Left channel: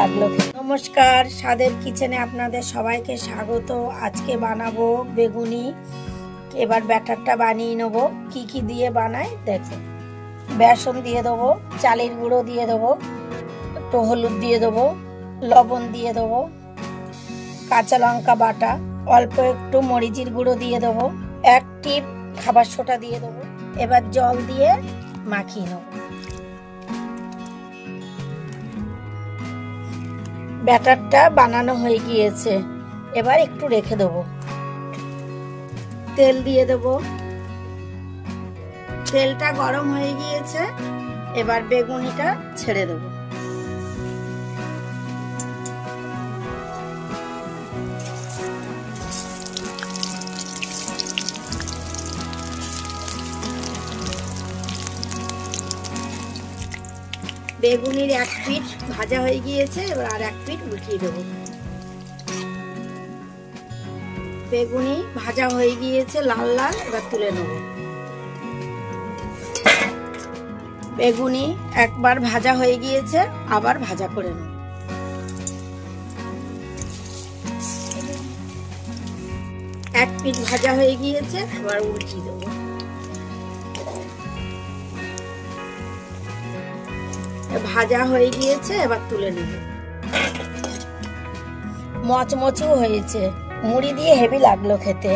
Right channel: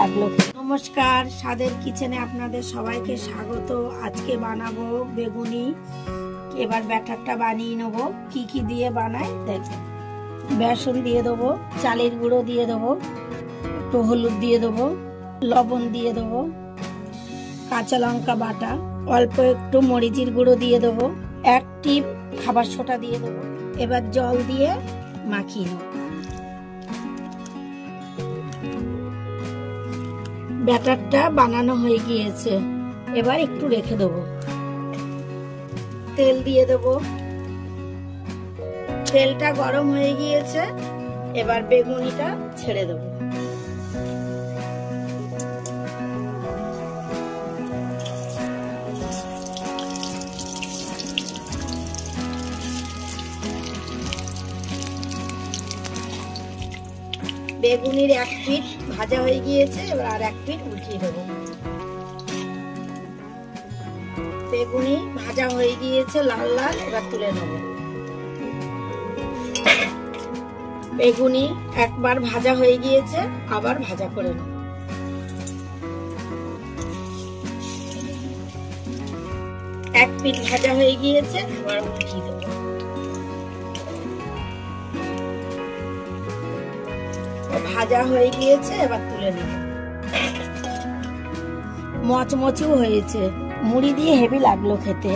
লাগলো। নমস্কার, স্বাদের কিচেনে আপনাদের সবাইকে স্বাগত। আজকে বানাবো বেগুনি। এবার ব্যাটারটা বানিয়ে নেব। কি কি দিয়ে বানাই দেখো। বেসন দিয়ে দেবো, চালের গুঁড়ো দিয়ে দেবো, একটু হলুদ দিয়ে দেবো, লবণ দিয়ে দেবো, কাঁচা লঙ্কা বাটা, অল্প একটু মরিচের গুঁড়ো দিয়ে দেবো, এক টিপ খাবার সোডা দিয়ে দেবো। এবার জল দিয়ে মাখিয়ে নেব। ব্যাটারটা বানানো হয়ে গিয়েছে, এবার একটু রেখে দেবো। তেল দিয়ে দেবো। তেলটা গরম হয়ে গিয়েছে, এবার বেগুনিটা ছেড়ে দেবো। বেগুনির এক পিঠ ভাজা হয়ে গিয়েছে, এবার আর এক পিঠ উল্টিয়ে দেবো। বেগুনি ভাজা হয়ে গিয়েছে লাল লাল, এবার তুলে নেব। বেগুনি একবার ভাজা হয়ে গিয়েছে, আবার ভাজা করে নেব। এক পিঠ ভাজা হয়ে গিয়েছে, আবার উল্টিয়ে দেবো। ভাজা হয়ে গিয়েছে, এবার তুলে নেব। মচমচও হয়েছে, মুড়ি দিয়ে হেভি লাগলো খেতে।